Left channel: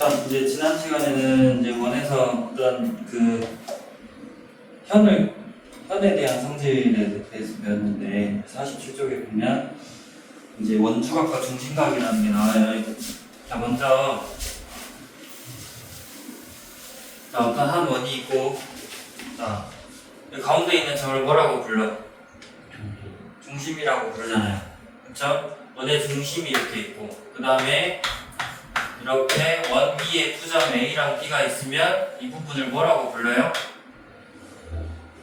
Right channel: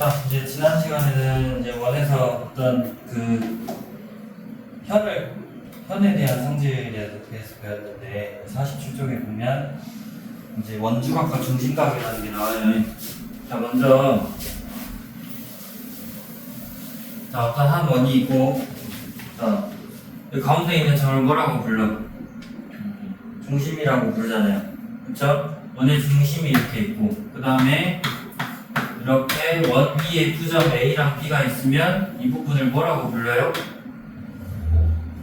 자, 이제 지난 시간에는 이제 원에서 어떤 그 현에 대한 성질에 대해서 배웠는데 47쪽에 보면 이제 원주각과 중심각이라는 게 나와요. 자, 먼저 어떤 한 원이 있고, 자, 여기 가운데 있는 점을 뭐라고 불러? 중심이라고 부르잖아요. 그쵸? 원의 중심이 이렇게 있고, 그 다음에 이렇게 원 위에 두 점 A랑 B가 있으면 이 부분을 뭐라고 불러요?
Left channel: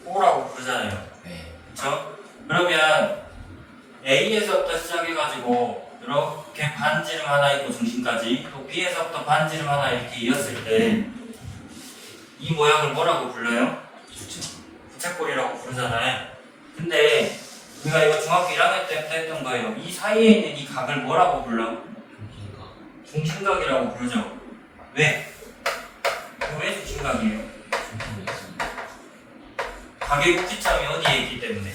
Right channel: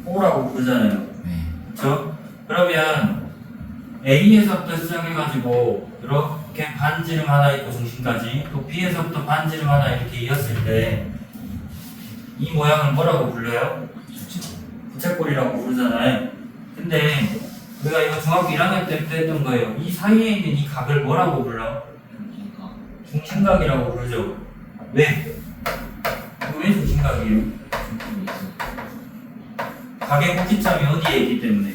O라고 부르잖아요. 그쵸? 그러면 A에서부터 시작해가지고 이렇게 반지름 하나 있고 중심까지, 또 B에서부터 반지름 하나 이렇게 이었을 때 이 모양을 뭐라고 불러요? 부채꼴이라고 부르잖아요. 근데 우리가 이거 중학교 1학년 때부터 했던 거예요. 이 사이에 있는 이 각을 뭐라고 불러? 중심각이라고 부르죠. 왜? 왜 중심각이에요? 각의 꼭지점이 어디에 있기 때문에?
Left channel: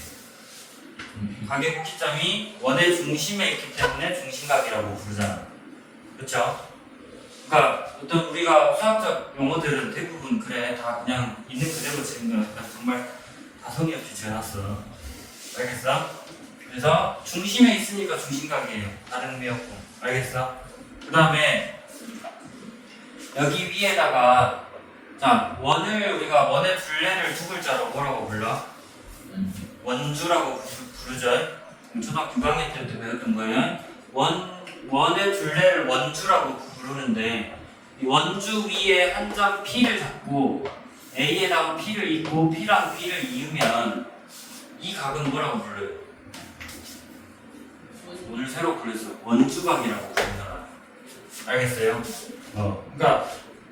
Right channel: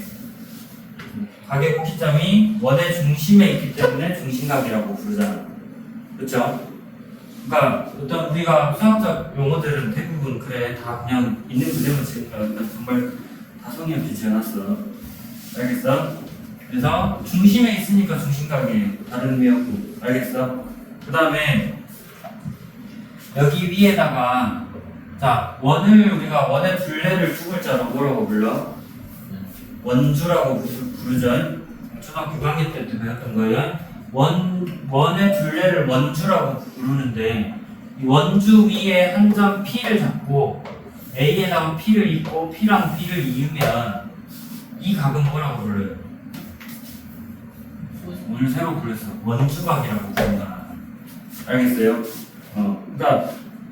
각의 꼭지점이 원의 중심에 있기 때문에 중심각이라고 부르잖아. 그쵸? 그러니까 어떤 우리가 수학적 용어들은 대부분 그래 다 그냥 있는 그대로 지은 거니까 정말 다 성의 없이 지어놨어. 알겠어? 그래서 중심에 있으니까 중심각이에요. 다른 의미 없고. 알겠어? 그 다음에 여기 위에다가 자 원을 우리가 원의 둘레를 두 글자로 뭐라고 불러? 원주라고 부르죠. 초등학교 6학년 때부터 배웠던 거예요. 원의 둘레를 원주라고 부르는데 이 원주 위에 한 점 P를 잡고 A에다가 P를 잇고 P랑 B를 이으면 이 각은 뭐라고 불러요? 오늘 새로 불렀어. 원주각이라고 부른다. 알겠어요? 그러니까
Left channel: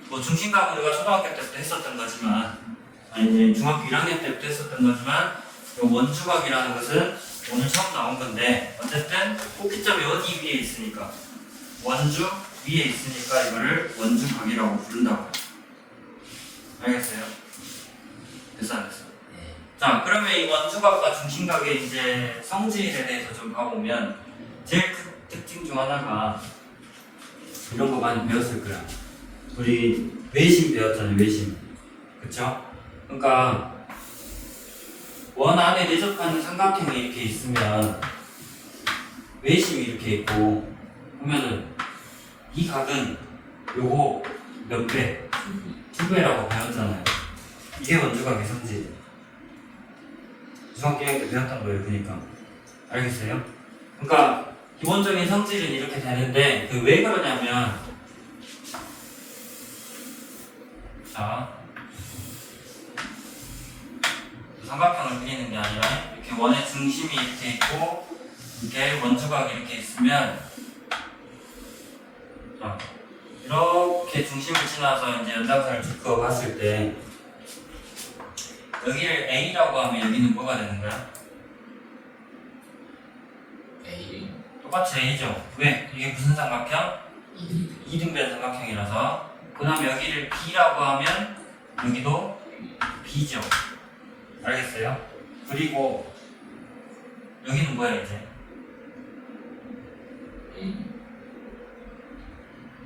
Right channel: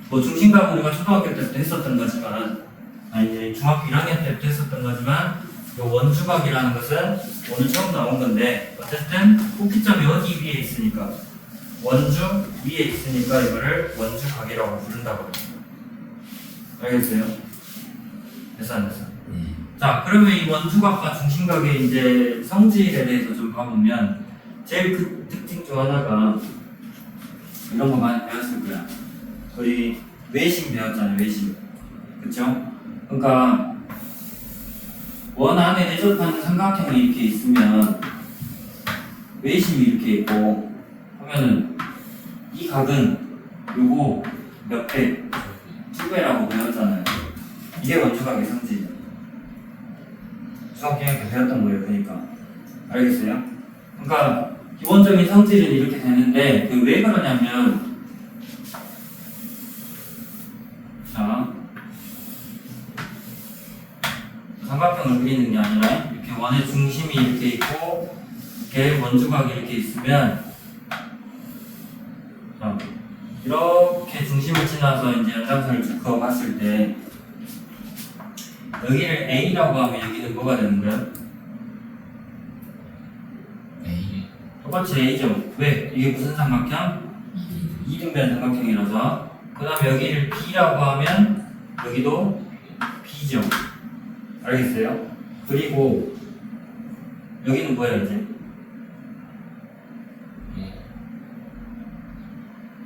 뭐 중심각은 우리가 초등학교 때부터 했었던 거지만 아니 중학교 1학년 때부터 했었던 거지만 원주각이라는 것은 오늘 처음 나온 건데 어쨌든 꼭지점이 어디 위에 있으니까 원주 위에 있으니까 이거를 원주각이라고 부른다고. 알겠어요? 됐어 안 됐어? 자 그러면 이 원주각과 중심각의 이제 성질에 대해서 좀 봐보면 제일 그 특징 중 하나가 이런 거 많이 배웠을 거야. 우리 외심 배웠잖아요. 외심. 그쵸? 그러니까 원 안에 내접하는 삼각형이 이렇게 있으면 외심이 이렇게 있고 하면은 이 각은 요거 몇 배? 2배라고 배웠잖아요. 이게 원주각의 성질. 중학교 1학년 때 배웠던 거예요. 그러니까 알겠어요? 그러니까 기본적인 성질은 이렇게 되는데 그 왜 그러냐면 자 삼각형을 그리는 게 아니라 이렇게 원의 중심이 이렇게 있고 이렇게 원주각이 이렇게 있으면 자, 이렇게 중심을 지나서 이제 연장선을 쭉 그어봤을 때 여기를 A라고 하면 여기는 뭐가 되는 거야? A. 똑같이 A죠. 왜? 이게 무슨 삼각형? 이등변 삼각형이라서. 그 다음에 여기를 B라고 하면 여기도 B죠. 알겠어요? 그리고 여기는 뭐야 이제?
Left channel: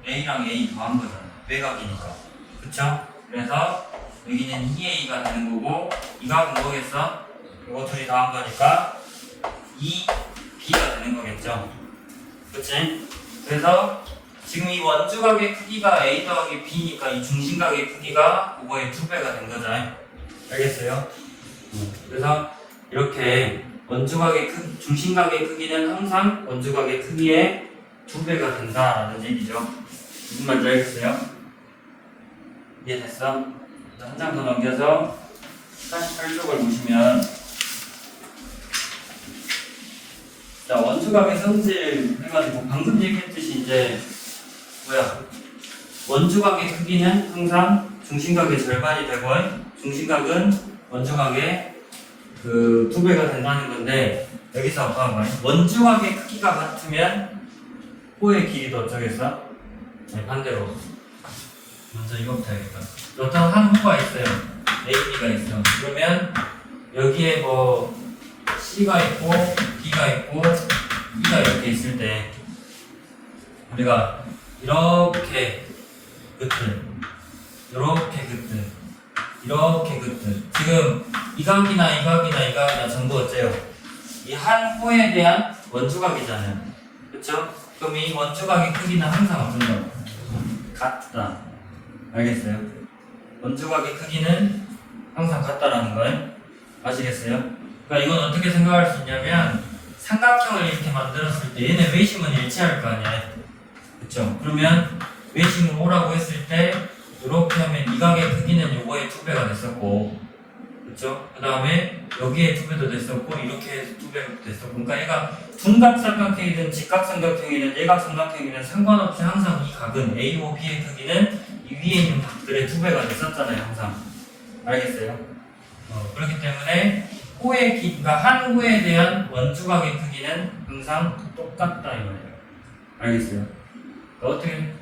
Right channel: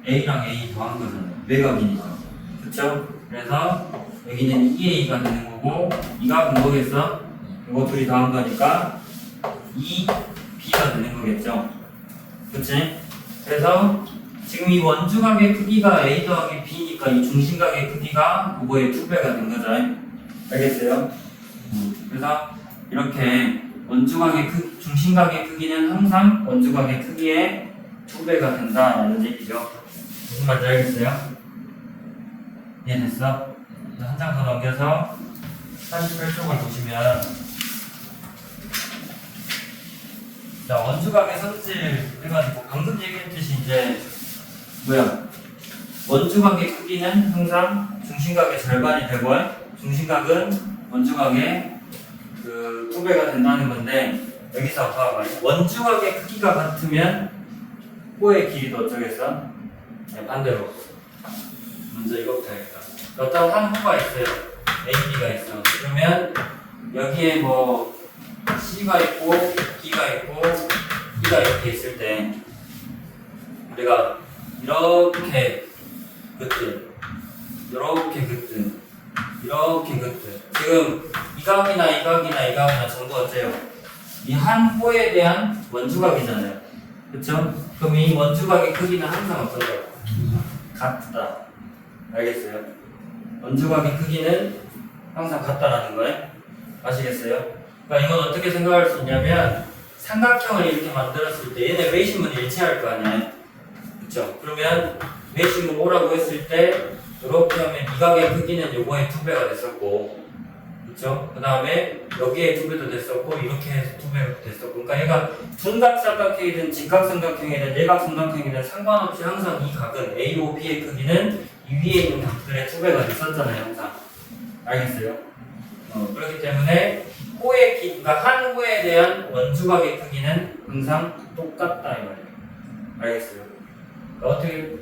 A랑 A 더한 거잖아. 외곽이니까. 그쵸? 그래서 여기는 2A가 되는 거고 이 각은 뭐겠어? 이거 둘이 더한 거니까 2B가 되는 거겠죠? 그치? 그래서 지금 이 원주각의 크기가 A 더하기 B니까 이 중심각의 크기가 그거의 2배가 된 거죠. 알겠어요? 그래서 이렇게 원주각의 중심각의 크기는 항상 원주각의 크기의 2배가 된다라는 얘기죠. 무슨 말인지 알겠어요? 이해됐어? 한 장 더 넘겨서 48쪽을 보시면 자 원주각의 성질 해가지고 방금 얘기했듯이 이제 뭐야 원주각의 크기는 항상 중심각의 절반이 되고 중심각은 원주각의 그 2배가 된다는 건데 여기서 봐봐. 원주각의 크기가 같으면 호의 길이도 어쩌겠어? 네, 반대로 먼저 이거부터 해야겠다. 어떤 한 호가 있어요. A, B가 있어. 그러면 여기에 뭐 C가 있고 D가 있고 E가 이렇게 있을 때 우리가 이렇게 그때 이렇게 그때 이렇게 그때 지금 이 각이나 이 각이나 이 각이나 전부 어때요? 이 한 호에 대한 원주각이잖아요. 그쵸? 그럼 이 원주각의 크기는 항상 어떤가요? 같다. 알겠어요? 원주각의 크기는 항상 같다라는 거예요. 아시겠어요? 그러니까 이건 어떻게 생각할 수 있냐면 삼각형을 이렇게 만들었을 때 얘네 외심은 일치할 거 아니에요. 그쵸? 그러면 외심을 오라고 했을 때 이렇게 하면 이 각의 크기는 요거의 2배가 됐었고, 그쵸? 그 다음에 여기에 2배도 됐었고, 이렇게 해서 2배가 됐었고, 그러니까 얘가 둔각삼각형이든 직각삼각형이든 내각삼각형이든 상관없이 항상 이 각은 A, O, B의 크기는 이 위에 있는 각들의 2배가 됐었잖아요, 항상. 알겠어요? 그렇기 때문에 호의 그러니까 한 호에 대한 원주각의 크기는 항상 똑같다 이 말이에요. 알겠어요? 어떻게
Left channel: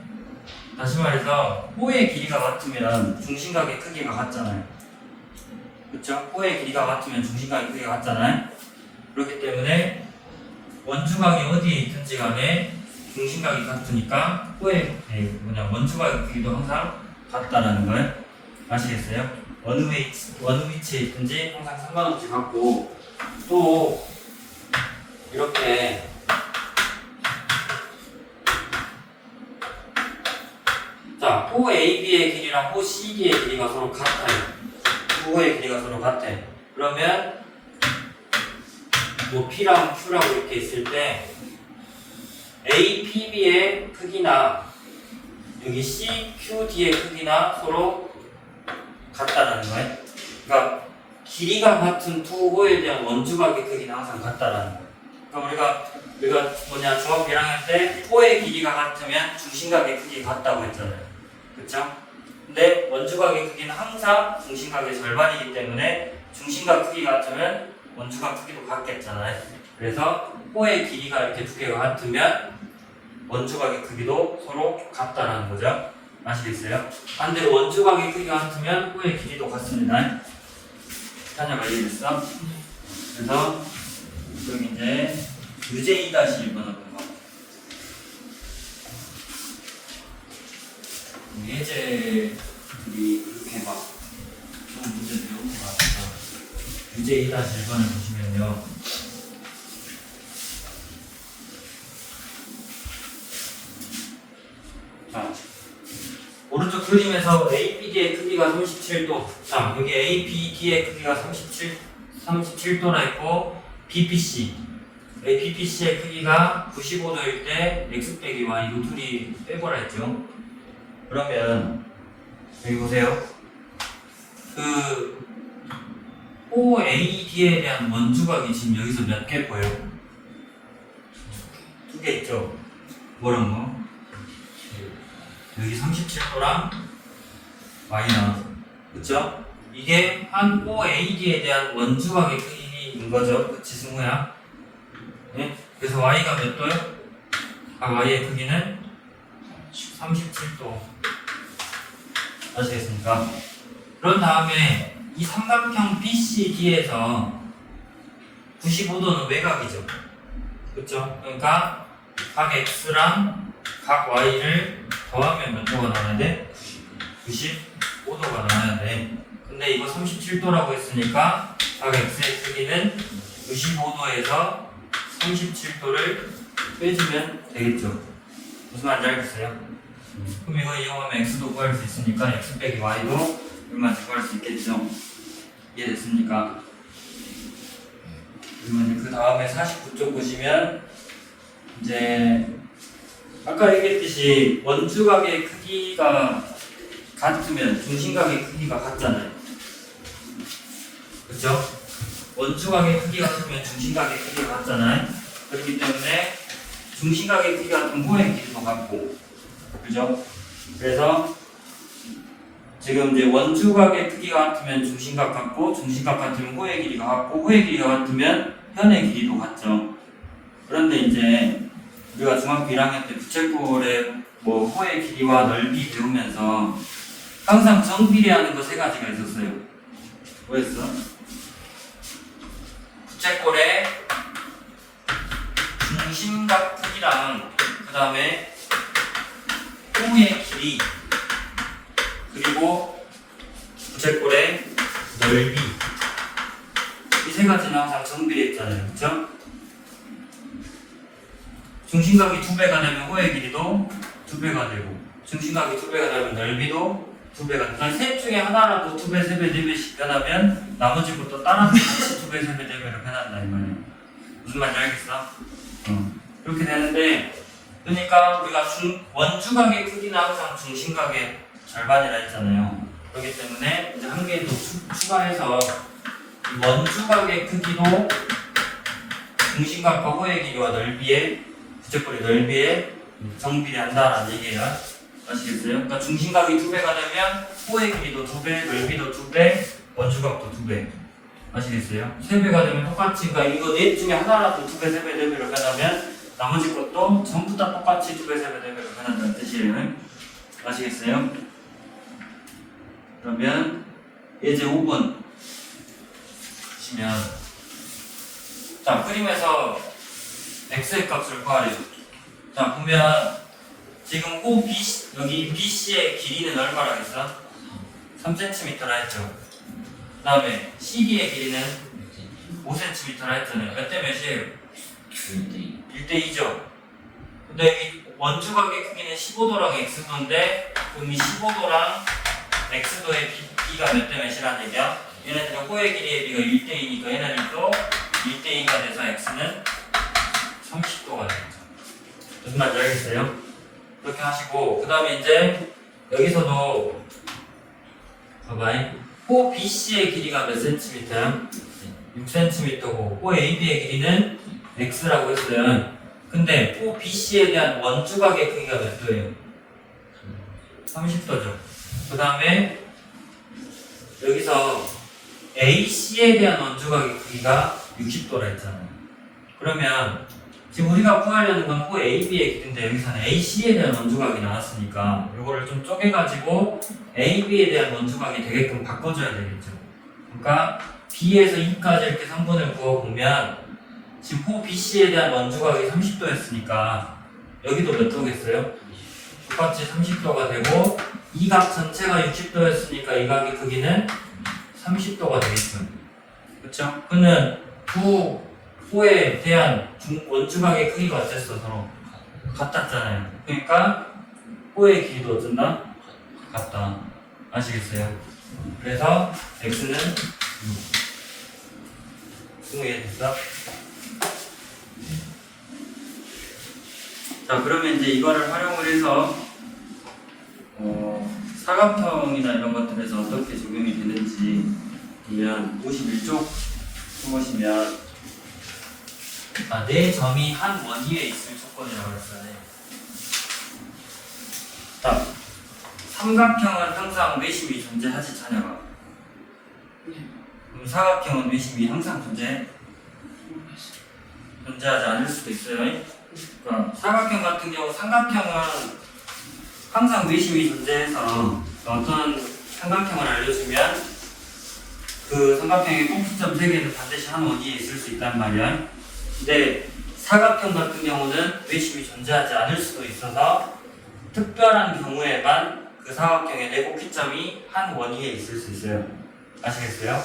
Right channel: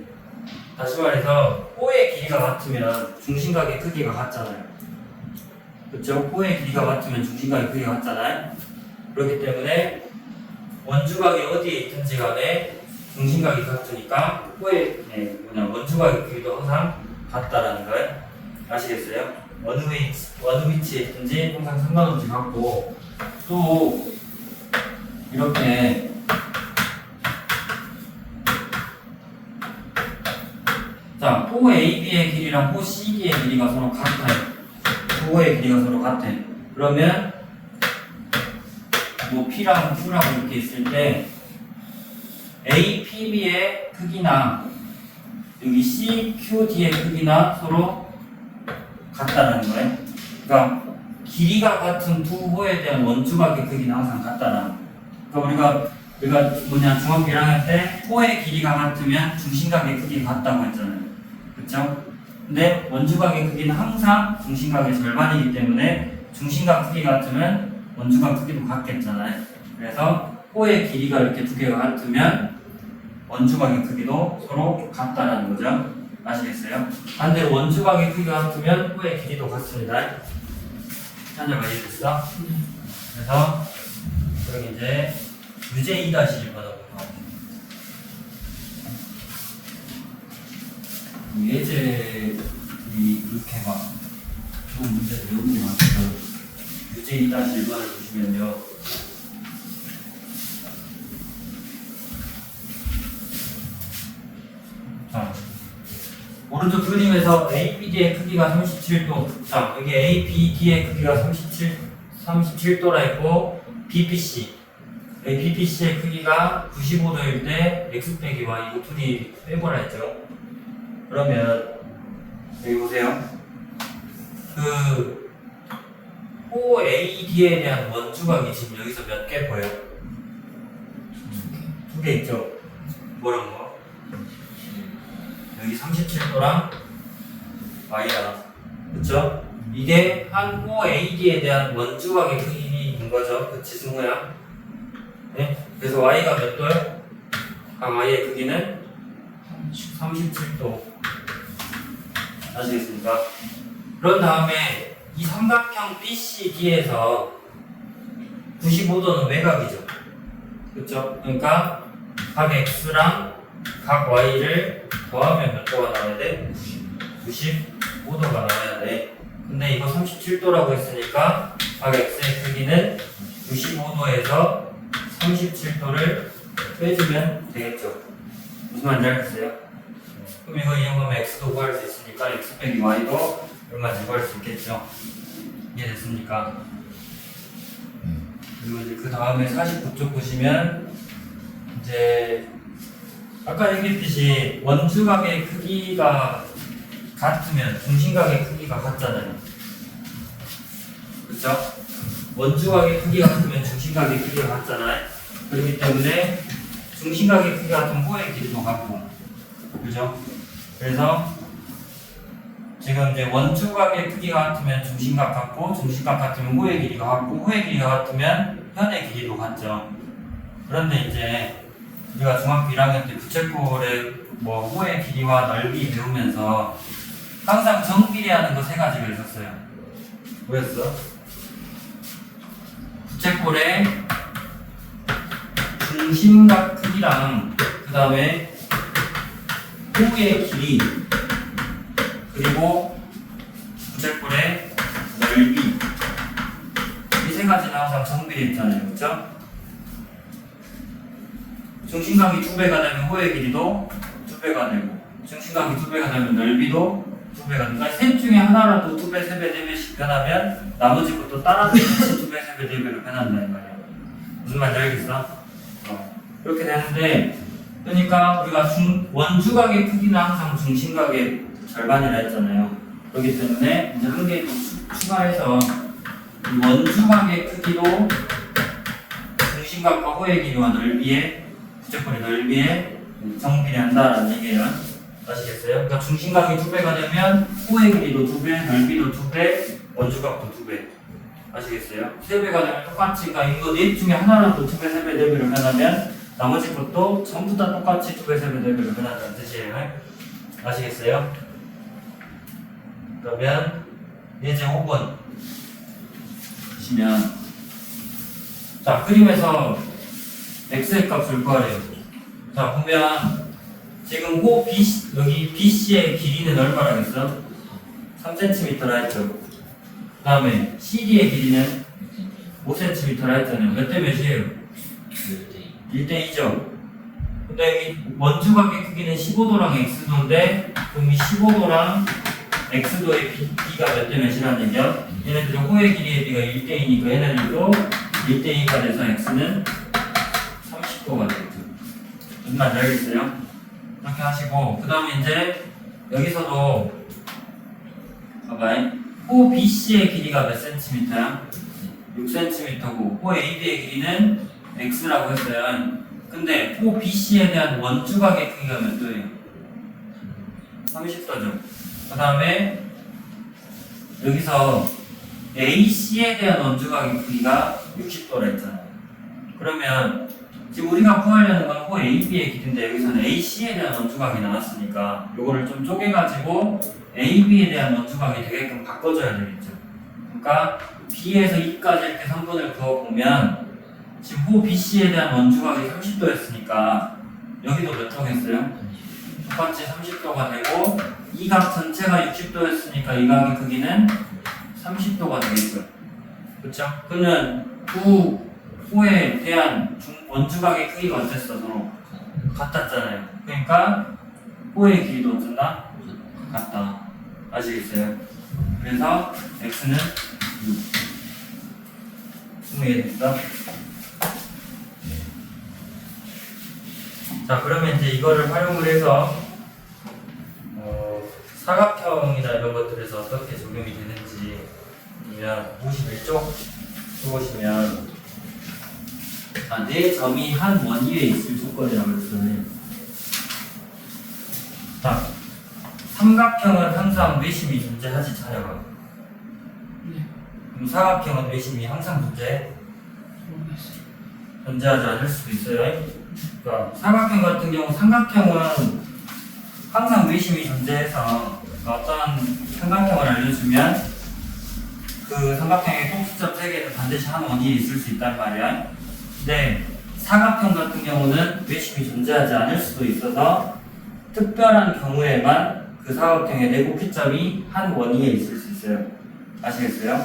다시 말해서 호의 길이가 같으면 중심각의 크기가 같잖아요. 그렇죠? 호의 길이가 같으면 중심각의 크기가 같잖아요. 그렇기 때문에 원주각이 어디에 있든지 간에 중심각이 같으니까 호의 원주각의 크기도 항상 같다라는 거예요. 아시겠어요? 어느 위치에 있든지 항상 상관없이 같고, 또 이렇게 자, 호 AB의 길이랑 호 CB의 길이가 서로 같아요. 호의 길이가 서로 같아. 그러면 뭐 P랑 Q라고 이렇게 있을 때 APB의 크기나 여기 CQD의 크기나 서로 같다라는 거예요. 그러니까 길이가 같은 두 호에 대한 원주각의 크기는 항상 같다라는 거예요. 그러니까 우리가 뭐냐 중학교 1학년 때 호의 길이가 같으면 중심각의 크기가 같다고 했잖아요. 그렇죠? 근데 원주각의 크기는 항상 중심각의 절반이기 때문에 중심각 크기가 같으면 원주각 크기도 같겠잖아요. 그래서 호의 길이가 이렇게 두 개가 같으면 원주각의 크기도 서로 같다라는 거죠. 아시겠어요? 반대로 원주각의 크기가 같으면 호의 길이도 같습니다. 한자가 이해됐어? 그래서 그럼 이제 유제 2-1번으로 예제들이 그렇게 막 좋은 문제들 너무 많아서 유제 2-1번을 보시면요. 자, 오른쪽 그림에서 ABD의 크기가 37도. 자, 여기 ABD의 크기가 37도라 했고, BPC. BPC의 크기가 95도일 때 X 빼기 Y 이거 둘이 빼보라 했죠. 그러면 여기 보세요. 그 OAD에 대한 원주각이 지금 여기서 몇 개 보여요? 2개 있죠? 뭐랑 뭐? 여기 37도랑 Y랑, 그쵸? 이게 한 OAD에 대한 원주각의 크기인 거죠. 그치, 승우야? 네? 그래서 Y가 몇 도요? Y의 크기는 37도. 아시겠습니까? 그런 다음에 이 삼각형 BCD에서 95도는 외곽이죠. 그쵸? 그러니까 각 X랑 각 Y를 더하면 몇 도가 나와야 돼? 95도가 나와야 돼. 근데 이거 37도라고 했으니까 각 X의 크기는 95도에서 37도를 빼주면 되겠죠. 무슨 말인지 알겠어요? 그럼 이거 이용하면 X도 구할 수 있으니까 X 빼기 Y도 얼마인지 구할 수 있겠죠. 이해됐습니까? 그리고 이제 그 다음에 49쪽 보시면 이제 아까 얘기했듯이 원주각의 크기가 같으면 중심각의 크기가 같잖아요. 그쵸? 원주각의 크기가 같으면 중심각의 크기가 같잖아요. 그렇기 때문에 중심각의 크기가 같은 호의 길이도 같고, 그죠? 그래서 지금 이제 원주각의 크기가 같으면 중심각 같고, 중심각 같으면 호의 길이가 같고, 호의 길이가 같으면 현의 길이도 같죠. 그런데 이제 우리가 중학교 1학년 때 부채꼴의 뭐 호의 길이와 넓이 배우면서 항상 정비례하는 거 3가지가 있었어요. 뭐였어? 부채꼴의 중심각 크기랑 그 다음에 호의 길이 그리고 부채꼴의 넓이. 이 세 가지는 항상 정비되어 있잖아요. 그쵸? 중심각이 2배가 되면 호의 길이도 2배가 되고, 중심각이 2배가 되면 넓이도 2배가 되고, 그러니까 셋 중에 하나라도 2배, 3배, 4배씩 변하면 나머지 것도 따라서 같이 2배, 3배, 4배로 변한다 이 말이야. 무슨 말인지 알겠어? 이렇게 되는데, 그러니까 우리가 원주각의 크기는 항상 중심각의 절반이라 했잖아요. 그렇기 때문에 이제 한 개 더 추가해서 이 원주각의 크기도 중심각과 호의 길이와 넓이의 부채꼴의 넓이에 정비한다라는 얘기예요. 아시겠어요? 그러니까 중심각이 2배가 되면 호의 길이도 2배, 넓이도 2배, 원주각도 2배. 아시겠어요? 3배가 되면 똑같이, 그러니까 이거 넷 중에 하나라도 2배, 3배, 4배로 변하면 나머지 것도 전부 다 똑같이 2배, 3배, 4배로 변한다는 뜻이에요. 아시겠어요? 그러면 예제 5번 보시면, 자, 그림에서 x의 값을 구하래요. 자, 보면 지금 호 BC, 여기 BC의 길이는 얼마라 했어? 3cm라 했죠. 그 다음에 CD의 길이는 5cm라 했잖아요. 몇 대 몇이에요? 1대 2죠. 근데 이 원주각의 크기는 15도랑 x도인데, 그럼 이 15도랑 x도의 비가 몇 대 몇이라는 얘기야? 얘네들은 호의 길이의 비가 1대 2니까 얘네들도 1대 2가 돼서 x는 30도가 되겠죠. 무슨 말인지 알겠어요? 그렇게 하시고, 그 다음에 이제 여기서도 봐봐요. 호 BC의 길이가 몇 cm야? 6cm고 호 AB의 길이는 x라고 했어요. 근데 호 BC에 대한 원주각의 크기가 몇 도예요? 30도죠. 그 다음에 여기서 AC에 대한 원주각의 크기가 60도라 했잖아요. 그러면 지금 우리가 구하려는 건 호 AB의 길인데 여기서는 AC에 대한 원주각이 나왔으니까 이거를 좀 쪼개가지고 AB에 대한 원주각이 되게끔 바꿔줘야 되겠죠. 그러니까 B에서 E까지 이렇게 3분을 그어보면 지금 호 BC에 대한 원주각이 30도였으니까 여기도 몇 도겠어요? 똑같이 30도가 되고 이 각 전체가 60도였으니까 이 각의 크기는 30도가 되겠죠. 그쵸? 그러면 두 호에 대한 원주각의 크기가 어땠어? 서로 같았잖아요. 그러니까 호의 길이도 어쩐다? 같다. 아시겠어요? 그래서 x는 6. 이해됐어? 자, 그러면 이제 이거를 활용을 해서 사각형이나 이런 것들에서 어떻게 적용이 되는지 보면 51쪽 보시면 네 점이 한 원위에 있을 조건이라고 했어요. 자, 삼각형은 항상 외심이 존재하지 자녀가. 그럼 사각형은 외심이 항상 존재하지 않을 수도 있어요. 그러니까 사각형 같은 경우 삼각형은 항상 외심이 존재해서 어떤 삼각형을 알려주면 그 삼각형의 꼭지점 3개는 반드시 한 원위에 있을 수 있단 말이야. 근데 사각형 같은 경우는 외심이 존재하지 않을 수도 있어서 특별한 경우에만 그 사각형의 내곡기점이 한 원위에 있을 수 있어요. 아시겠어요?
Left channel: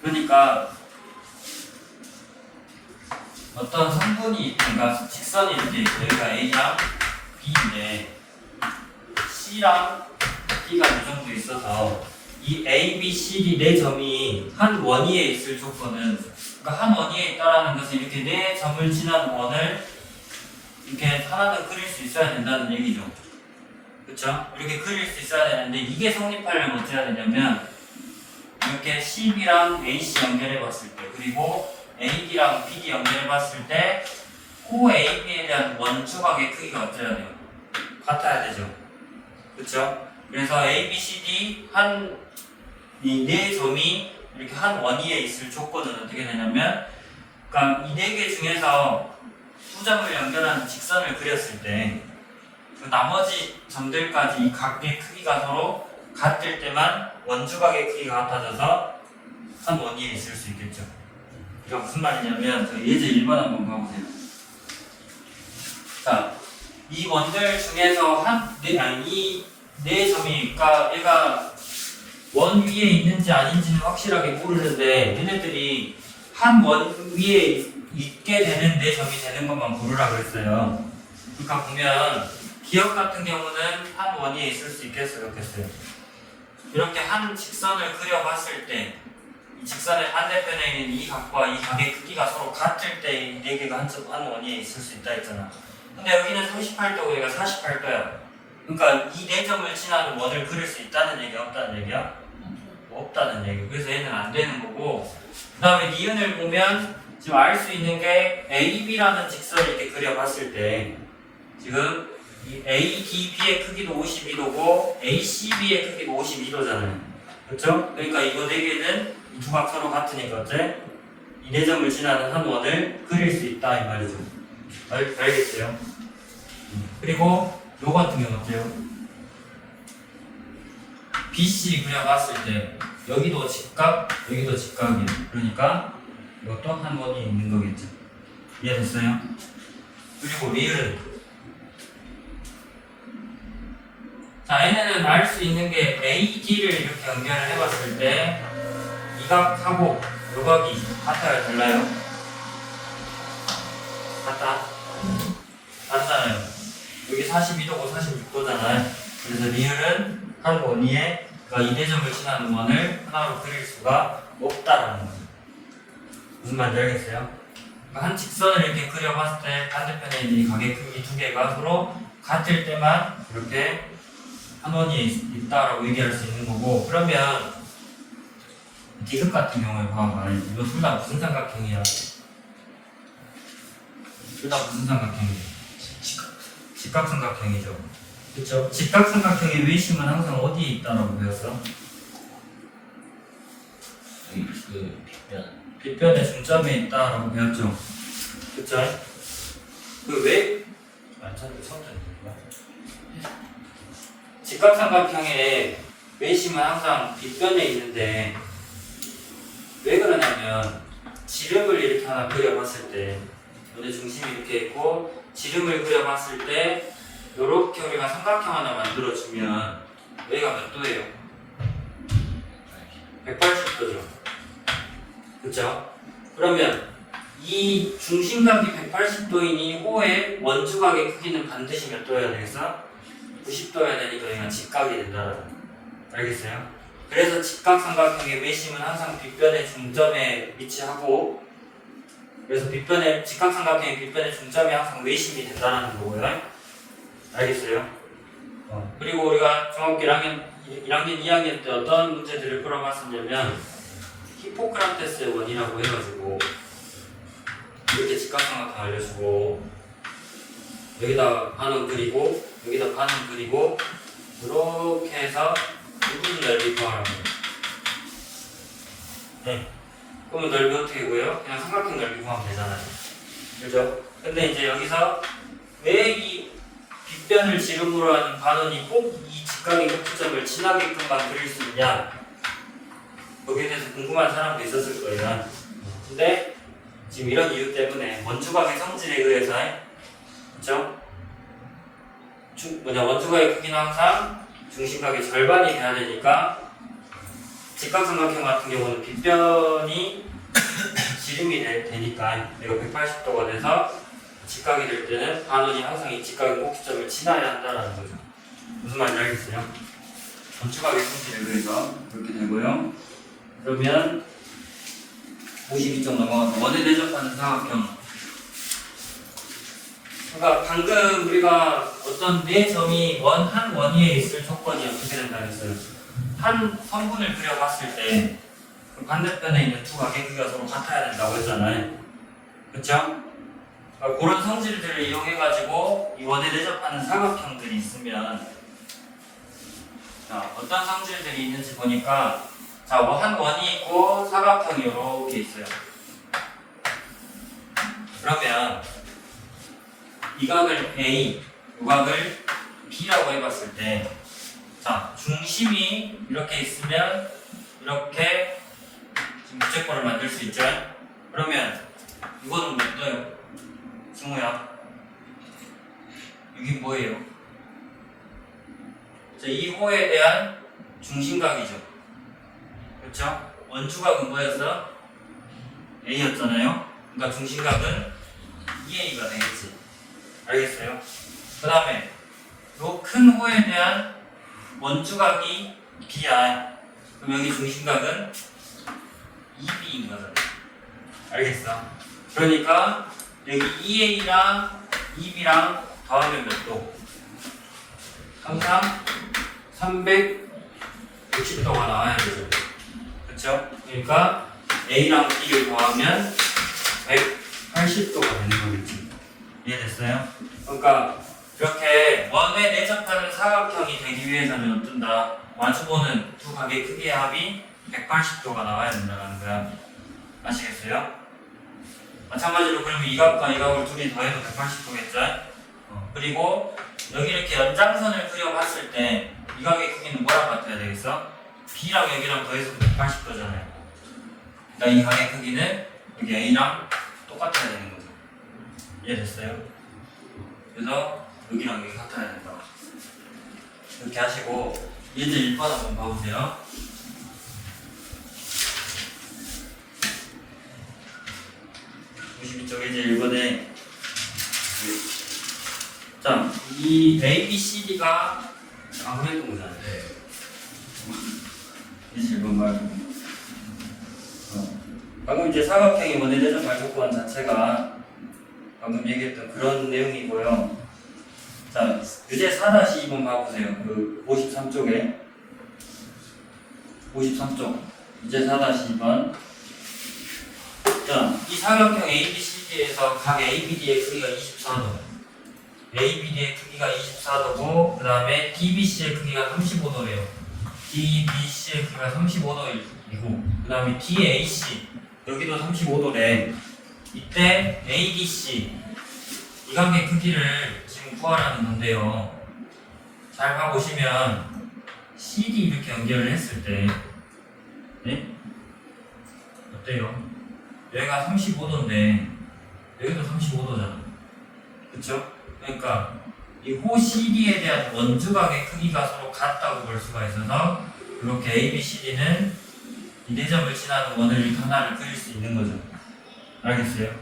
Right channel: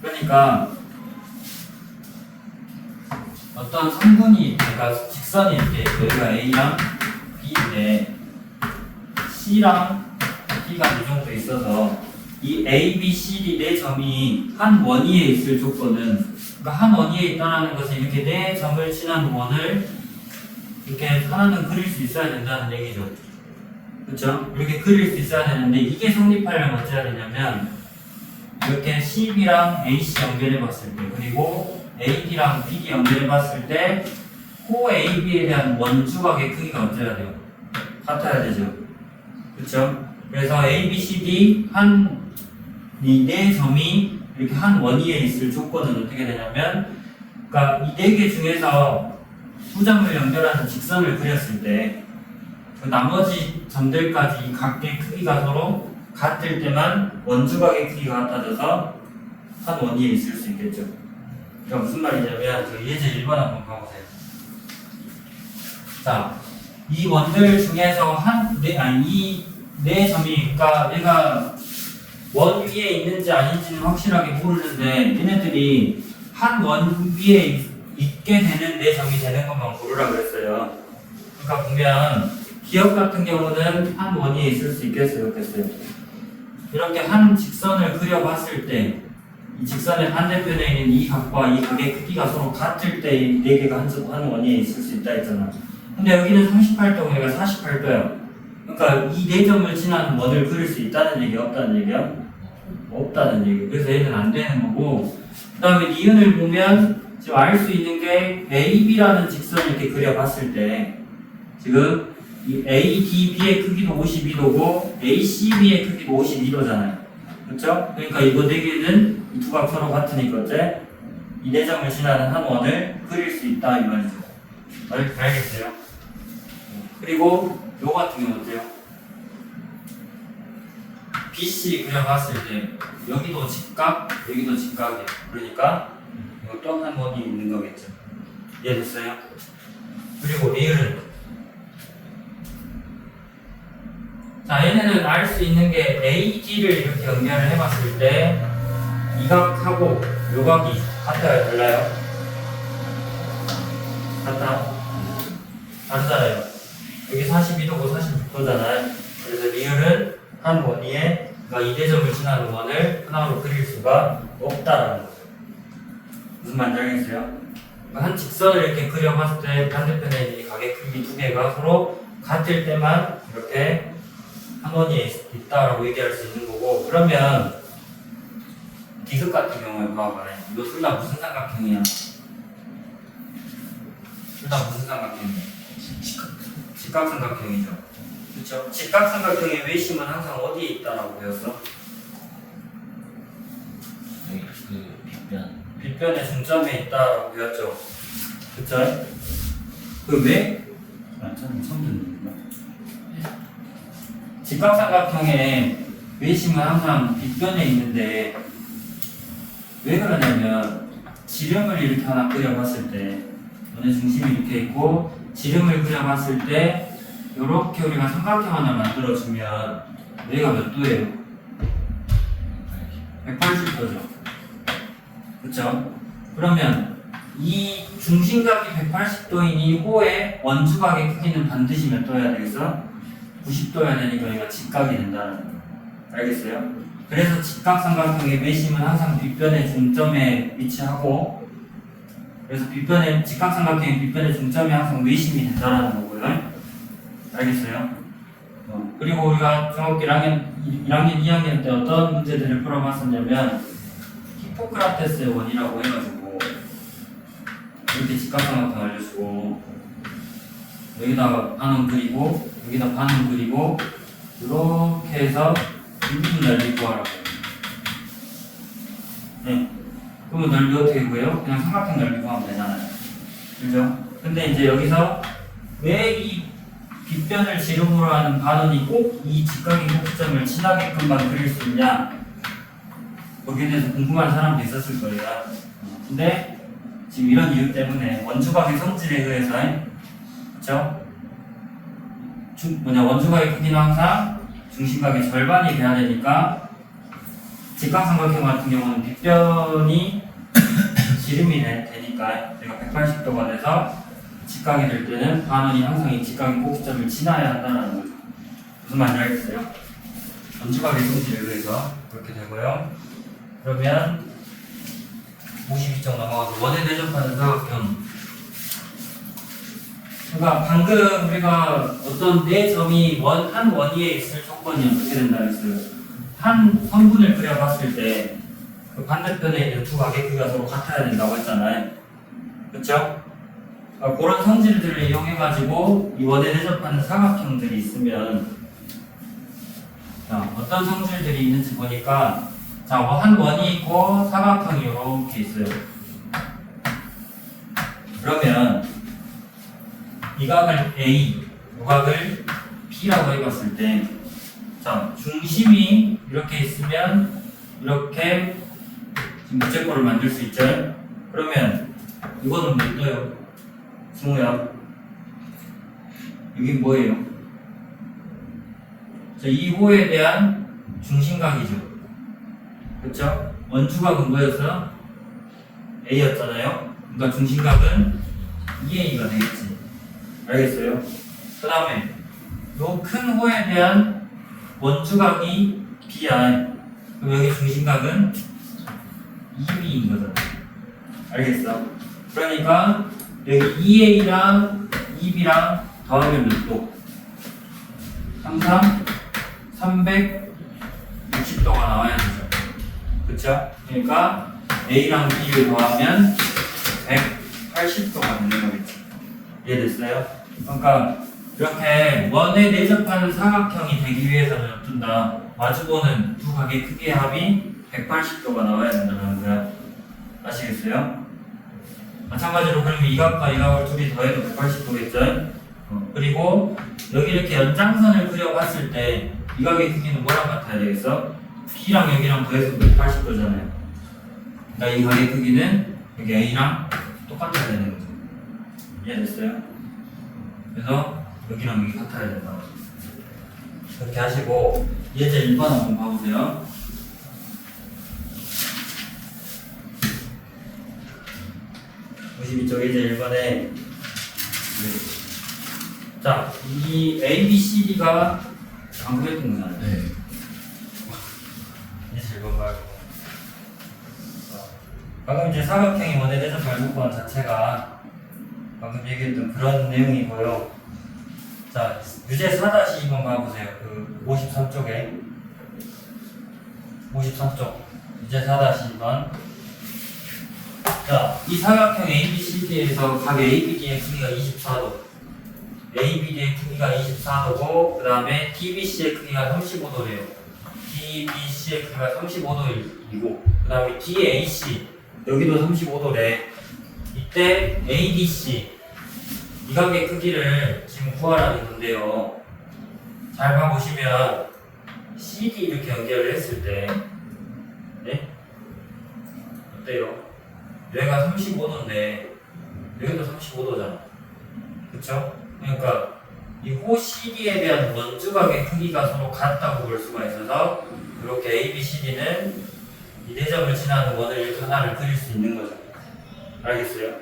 그러니까 어떤 성분이, 그러니까 직선이 이렇게 여기가 A랑 B인데 C랑 D가 이 정도 있어서 이 A, B, C, D 네 점이 한 원위에 있을 조건은, 그러니까 한 원위에 있다라는 것은 이렇게 네 점을 지난 원을 이렇게 하나는 그릴 수 있어야 된다는 얘기죠. 그렇죠? 이렇게 그릴 수 있어야 되는데 이게 성립하려면 어찌해야 되냐면 이렇게 CB랑 AC 연결해 봤을 때, 그리고 AD랑 BD 연결해 봤을 때 호 AB에 대한 원주각의 크기가 어찌해야 돼요? 같아야 되죠. 그렇죠? 그래서 A, B, C, D 이 네 점이 이렇게 한 원위에 있을 조건은 어떻게 되냐면, 그러니까 이 네 개 중에서 두 점을 연결하는 직선을 그렸을 때 그 나머지 점들까지 이 각의 크기가 서로 같을 때만 원주각의 크기가 같아져서 한 원위에 있을 수 있겠죠. 그러니까 무슨 말이냐면 저 예제 1번 한번 가보세요. 자, 이 원들 중에서 이 네 점이, 그러니까 얘가 원 위에 있는지 아닌지는 확실하게 모르는데 얘네들이 한 원 위에 있게 되는 네 점이 되는 것만 고르라 그랬어요. 그러니까 보면 기억 같은 경우는 한 원 위에 있을 수 있겠어요, 없겠어요? 이렇게 한 직선을 그려봤을 때 이 직선의 반대편에 있는 이 각과 이 각의 크기가 서로 같을 때 이 네 개가 한 원위에 있을 수 있다 했잖아. 근데 여기는 38도고 얘가 48도야. 그러니까 이 네 점을 지나는 원을 그릴 수 있다는 얘기야, 없다는 얘기야? 없다는 얘기. 그래서 얘는 안 되는 거고, 그 다음에 니은을 보면 지금 알 수 있는 게 AB라는 직선을 이렇게 그려봤을 때 지금 이 ADB의 크기도 52도고 ACB의 크기도 52도잖아요. 그렇죠? 그러니까 이거 네 개는 이 두 각 서로 같으니까 어째? 이 네 점을 지나는 한 원을 그릴 수 있다 이 말이죠. 알겠어요? 그리고 요 같은 경우 어때요? BC 그려봤을 때 여기도 직각, 여기도 직각이에요. 그러니까 이것도 한 원이 있는 거겠죠. 이해됐어요? 그리고 리을은 자, 얘네는 알 수 있는 게 AD를 이렇게 연결을 해봤을 때 이 각하고 요 각이 같아요, 달라요? 같다? 다르잖아요. 여기 42도고 46도잖아요. 그래서 리을은 한 원위에 그러니까 이 대점을 지나는 원을 하나로 그릴 수가 없다라는 거죠. 무슨 말인지 알겠어요? 그러니까 한 직선을 이렇게 그려봤을 때 반대편에 있는 이 각의 크기 두 개가 서로 같을 때만 이렇게 한 원위에 있다라고 얘기할 수 있는 거고, 그러면 디귿 같은 경우에 봐봐. 이거 둘 다 무슨 삼각형이야? 둘 다 무슨 삼각형이야? 직각삼각형이죠. 그렇죠? 직각삼각형의 외심은 항상 어디에 있다라고 배웠어? 여기 그 빗변의 중점에 있다라고 배웠죠. 그렇죠? 그 왜? 처음 듣는 거야. 직각삼각형의 외심은 항상 빗변에 있는데 왜 그러냐면 지름을 이렇게 하나 그려봤을 때 어느 중심이 이렇게 있고 지름을 그려봤을 때 이렇게 우리가 삼각형 하나 만들어주면 여기가 몇 도예요? 180도죠. 그쵸? 그러면 이 중심각이 180도인 이 호의 원주각의 크기는 반드시 몇 도여야 되겠어? 90도여야 되니까 여기가 직각이 된다는 거. 알겠어요? 그래서 직각삼각형의 외심은 항상 빗변의 중점에 위치하고, 그래서 직각삼각형의 빗변의 중점에 항상 외심이 된다는 거고요. 알겠어요? 그리고 우리가 중학교 1학년, 2학년 때 어떤 문제들을 풀어봤었냐면 히포크라테스의 원이라고 해가지고 이렇게 직각삼각형 알려주고 여기다 반원 그리고 여기다 반원 그리고 이렇게 해서 유분 넓이 구하라고. 네. 그러면 넓이 어떻게 구해요? 그냥 삼각형 넓이 구하면 되잖아요. 그죠? 근데 이제 여기서 왜 이 빗변을 지름으로 하는 반원이 꼭 이 직각의 꼭지점을 지나게끔만 그릴 수 있냐? 거기에 대해서 궁금한 사람도 있었을 거예요. 근데 지금 이런 이유 때문에 원주각의 성질에 의해서, 그쵸? 원주각의 크기는 항상 중심각의 절반이 돼야 되니까 직각삼각형 같은 경우는 빗변이 지름이 되니까 내가 180도가 돼서 직각이 될 때는 반원이 항상 이 직각의 꼭지점을 지나야 한다는 거죠. 무슨 말인지 알겠어요? 원주각의 성질에 의해서 그렇게 되고요. 그러면 52쪽 넘어가서 원에 대접하는 사각형. 그러니까 방금 우리가 어떤 네 점이 한 원위에 있을 조건이 어떻게 된다 했어요? 한 성분을 그려봤을 때 그 반대편에 있는 두 각의 크기가 서로 같아야 된다고 했잖아요. 그쵸? 그러니까 그런 성질들을 이용해가지고 이 원에 대접하는 사각형들이 있으면 자, 어떤 성질들이 있는지 보니까 자, 한 원이 있고 사각형이 이렇게 있어요. 그러면 이 각을 A, 이 각을 B라고 해봤을 때, 자, 중심이 이렇게 있으면 이렇게 지금 무채꼴을 만들 수 있죠? 그러면 이거는 몇 도요? 승우야, 여기 뭐예요? 이 호에 대한 중심각이죠. 그렇죠? 원주각은 뭐였어? A였잖아요. 그러니까 중심각은 2A가 되겠지. 알겠어요? 그 다음에 요 큰 호에 대한 원주각이 B야. 그럼 여기 중심각은 2B인 거잖아. 알겠어? 그러니까 여기 2A랑 2B랑 더하면 몇 도? 항상 360도가 나와야 되죠. 그쵸? 그러니까 A랑 B를 더하면 180도가 되는 거겠지. 이해됐어요? 그러니까 이렇게 원에 내접하는 사각형이 되기 위해서는 어떤다? 마주보는 두 각의 크기의 합이 180도가 나와야 된다는 거야. 아시겠어요? 마찬가지로 그러면 이 각과 이 각을 둘이 더해도 180도겠죠? 그리고 여기 이렇게 연장선을 그려봤을 때 이 각의 크기는 뭐랑 같아야 되겠어? B랑 여기랑 더해서 180도잖아요. 그러니까 이 각의 크기는 여기 A랑 똑같아야 되는 거죠. 이해됐어요? 그래서 여기랑 여기 같아야 된다. 이렇게 하시고 예제 1번 한번 봐보세요. 이쪽 예제 1번에 자, 이 A, B, C, D가 방금 했던 거잖아요. 네. 예제 1번 말고 방금 이제 사각형이 원의 대접할 조건 자체가 방금 얘기했던 그런 내용이고요. 자, 유제 4-2번 봐보세요. 그 53쪽에 53쪽 유제 4-2번. 자, 이 사각형 ABCD에서 각 ABD의 크기가 24도, ABD의 크기가 24도고, 그 다음에 DBC의 크기가 35도래요. DBC의 크기가 35도이고, 그 다음에 DAC 여기도 35도래. 이때 ADC 이 관계 크기를 지금 구하라는 건데요. 잘 봐보시면 CD 이렇게 연결을 했을 때, 네? 어때요? 여기가 35도인데 여기도 35도잖아. 그쵸? 그러니까 이 호 CD에 대한 원주각의 크기가 서로 같다고 볼 수가 있어서 이렇게 ABCD는 이 대점을 지나는 원을 이렇게 하나를 그릴 수 있는 거죠. 알겠어요?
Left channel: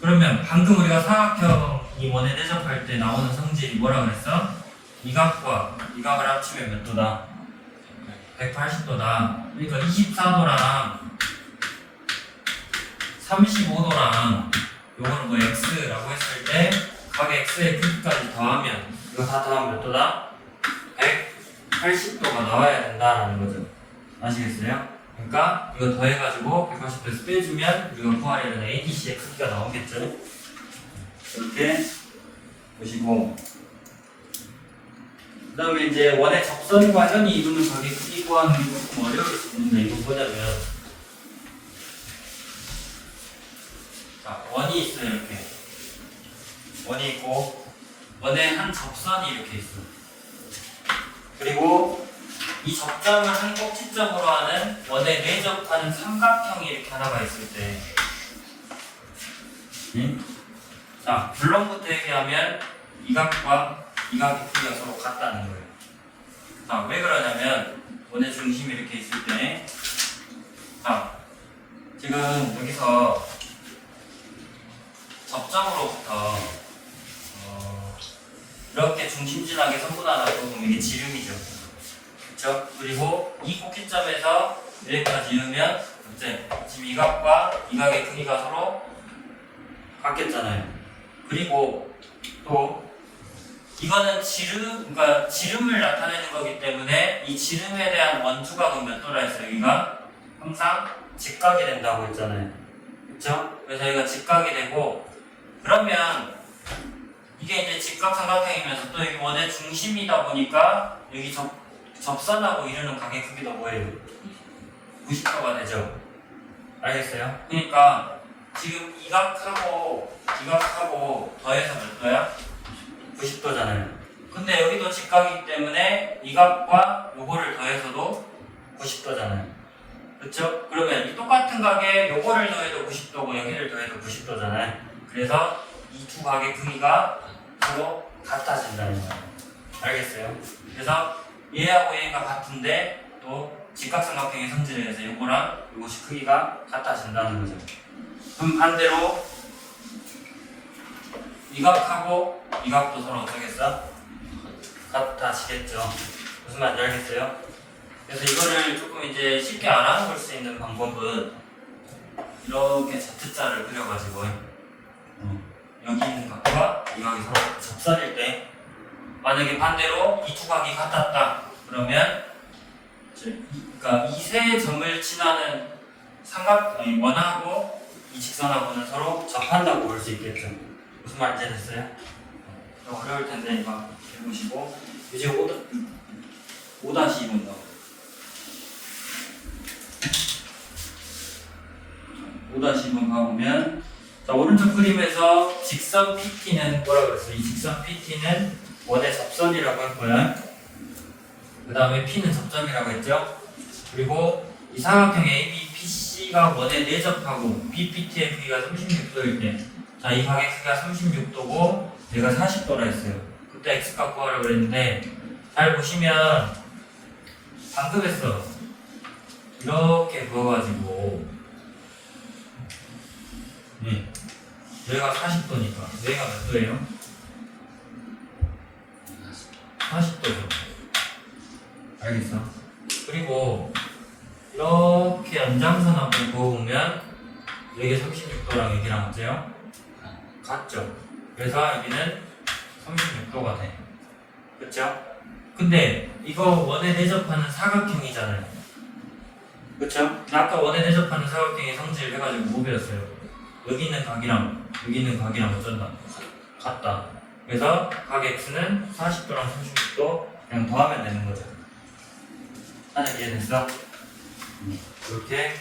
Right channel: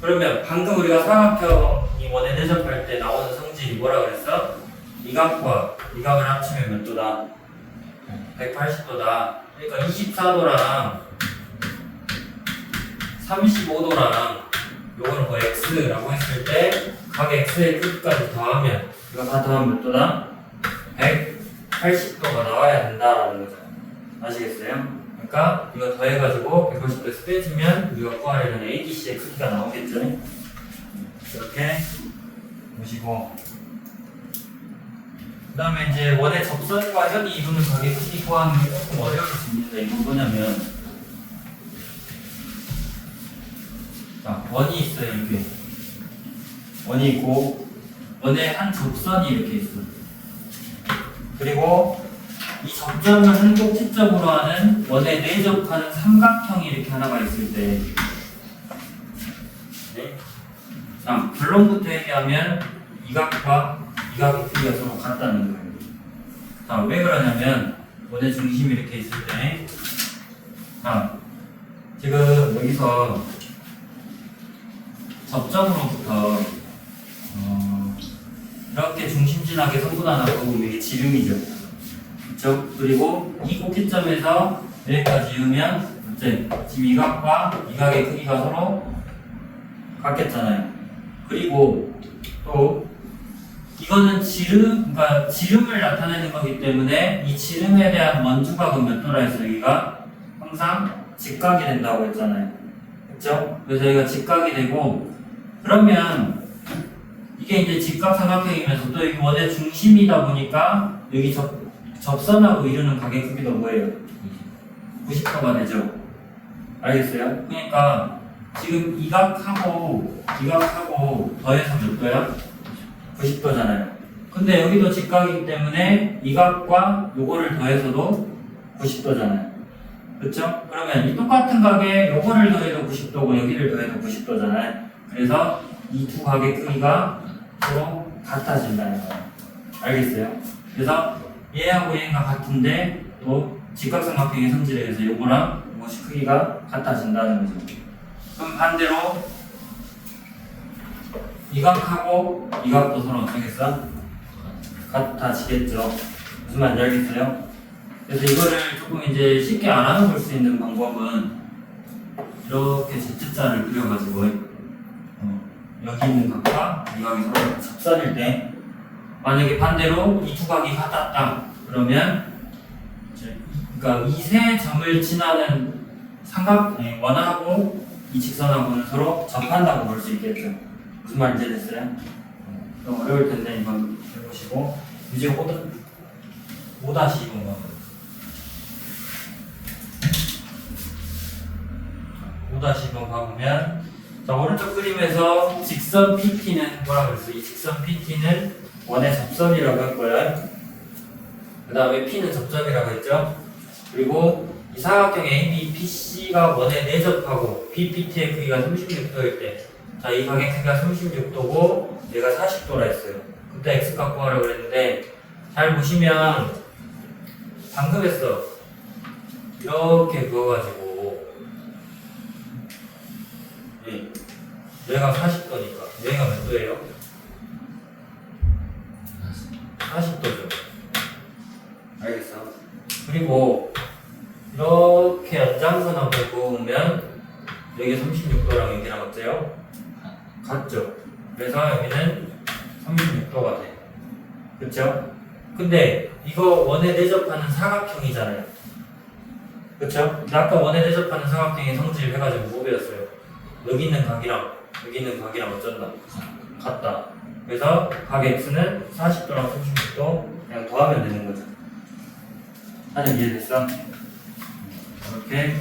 그러면 방금 우리가 사각형이 원에 대접할 때 나오는 성질이 뭐라 그랬어? 이 각과 이 각을 합치면 몇 도다? 180도다. 그러니까 24도랑 35도랑 요거는 뭐 x라고 했을 때 각 x의 크기까지 더하면 이거 다 더하면 몇 도다? 180도가 나와야 된다라는 거죠. 아시겠어요? 그러니까 이거 더해가지고 180도에서 빼주면 우리가 구하려는 ADC의 크기가 나오겠죠. 이렇게 보시고 그 다음에 이제 원의 접선과 현이 이루는 각의 크기 구하는 게 조금 어려울 수 있는데 이건 뭐냐면 자, 원이 있어요. 이렇게 원이 있고 원의 한 접선이 이렇게 있어. 그리고 이 접점을 한 꼭지점으로 하는 원에 내접하는 삼각형이 이렇게 하나가 있을 때 네? 자, 결론부터 얘기하면 이 각과 이 각의 크기가 서로 같다는 거예요. 자, 왜 그러냐면 원의 중심이 이렇게 있을 때 자, 지금 여기서 접점으로부터 이렇게 중심진하게 선분하다 보면 이게 지름이죠. 그쵸? 그리고 이 꼭지점에서 여기까지 이으면 어째? 지금 이 각과 이 각의 크기가 서로 같겠잖아요. 그리고 또 이거는 지름, 그러니까 지름을 나타내는 거기 때문에 이 지름에 대한 원주각은 몇 도라 했어요? 여기가 항상 직각이 된다고 했잖아요. 그쵸? 그래서 여기가 직각이 되고 그러면 이게 이제 직각삼각형이면서 또 여기 원의 중심이다 보니까 여기 접선하고 이루는 각의 크기도 뭐예요? 90도가 되죠. 알겠어요? 그러니까 지금 이 각하고 더해서 몇 도야? 90도잖아요. 근데 여기도 직각이기 때문에 이 각과 요거를 더해서도 90도잖아요. 그렇죠? 그러면 이 똑같은 각에 요거를 더해도 90도고 여기를 더해도 90도잖아요. 그래서 이 두 각의 크기가 서로 같아진다는 거예요. 알겠어요? 그래서 얘하고 얘가 같은데 또 직각삼각형의 성질에 의해서 요거랑 요것이 크기가 같아진다는 거죠. 그럼 반대로 이 각하고 이 각도 서로 어떻겠어? 같아지겠죠. 무슨 말인지 알겠어요? 그래서 이거를 조금 이제 쉽게 알아볼 수 있는 방법은 이렇게 Z자를 그려가지고 여기 있는 각과 이 각이 서로 접선일 때 만약에 반대로 이 두 각이 같았다 그러면 그러니까 이 세 점을 지나는 원하고 이 직선하고는 서로 접한다고 볼 수 있겠죠. 무슨 말인지 됐어요? 좀 어려울 텐데 이거 해보시고 이제 5-2번 봐. 5-2번 봐보면 자, 오른쪽 그림에서 직선 PT는 뭐라 그랬어요? 이 직선 PT는 원의 접선이라고 할 거야. 그 다음에 P는 접점이라고 했죠. 그리고 이 사각형 ABPC가 원에 내접하고 BPT의 크기가 36도일 때, 자, 이 각의 크기가 36도고 얘가 40도라 했어요. 그때 X값 구하라고 그랬는데 잘 보시면 방금 했어. 이렇게 그어가지고 얘가 40도니까 얘가 몇 도예요? 40도죠. 알겠어? 그리고 이렇게 연장선 한번 그어보면 여기 36도랑 여기랑 어때요? 같죠? 그래서 여기는 36도가 돼. 그쵸? 근데 이거 원에 대접하는 사각형이잖아요. 그쵸? 아까 원에 대접하는 사각형의 성질 해가지고 뭐 배웠어요? 여기 있는 각이랑 여기 있는 각이랑 어쩐다? 같다. 그래서 각 X는 40도랑 36도 그냥 더하면 되는 거죠. 하는 이해됐어? 이렇게